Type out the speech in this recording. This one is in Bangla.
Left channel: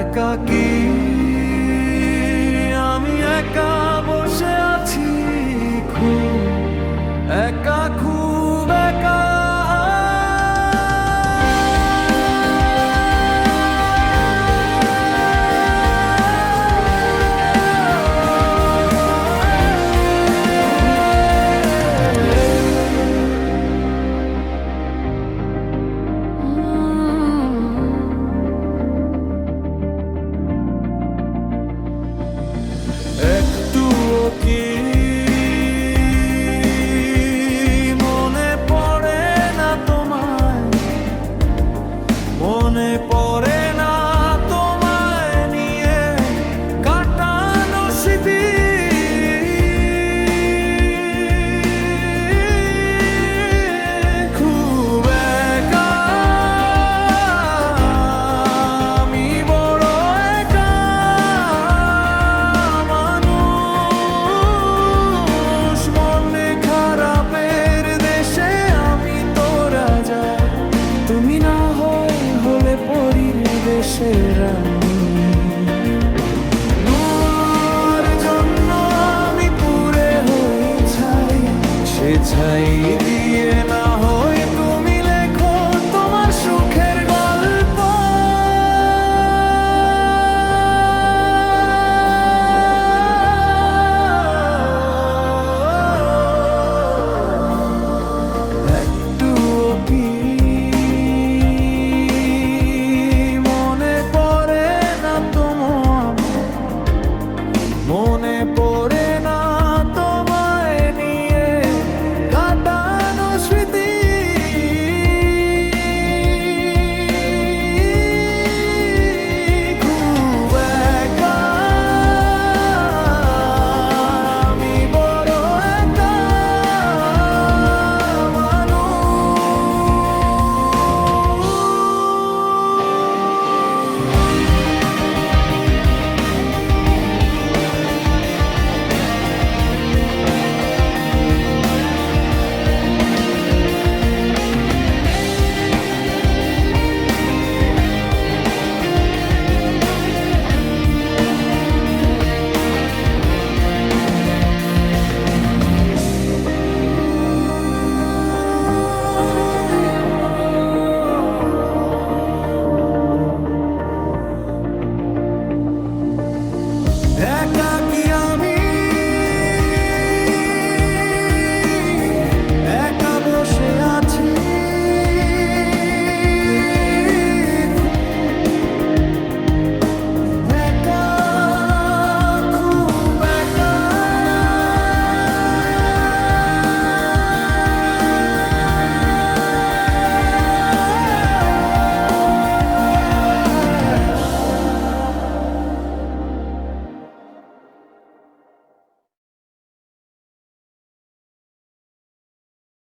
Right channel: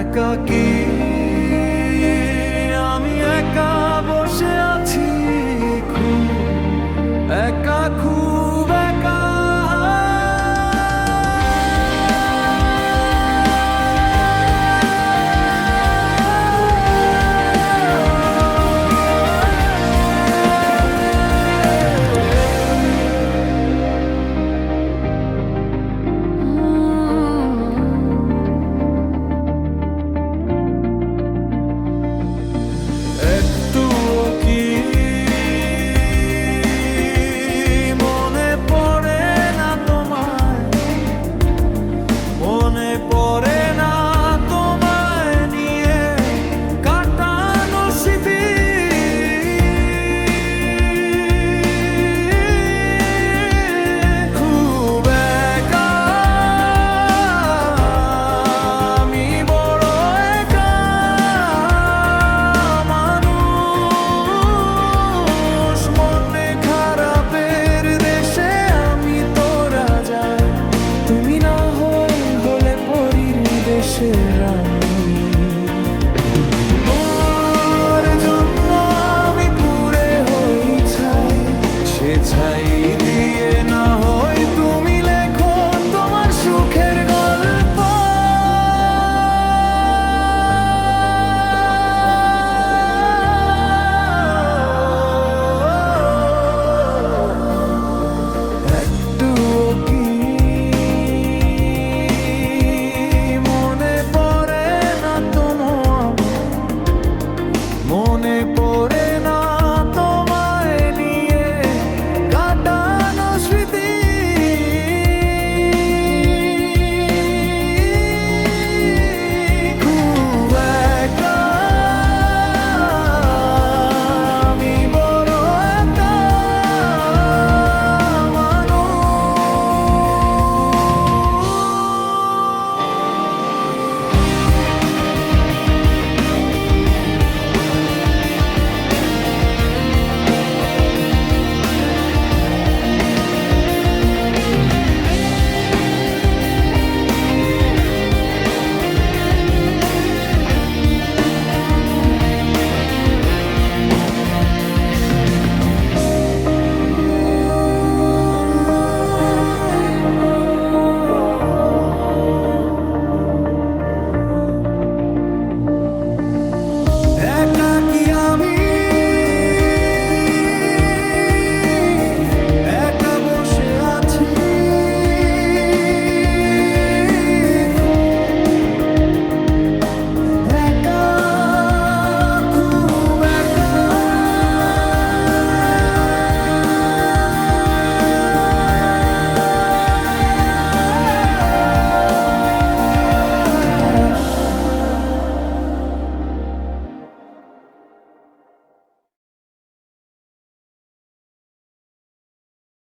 একাকি। আমি একা বসে আছি। দেশের রানী জন্য আমি পুরে হই ছাই সে ছাই দিয়ে একা কি আমি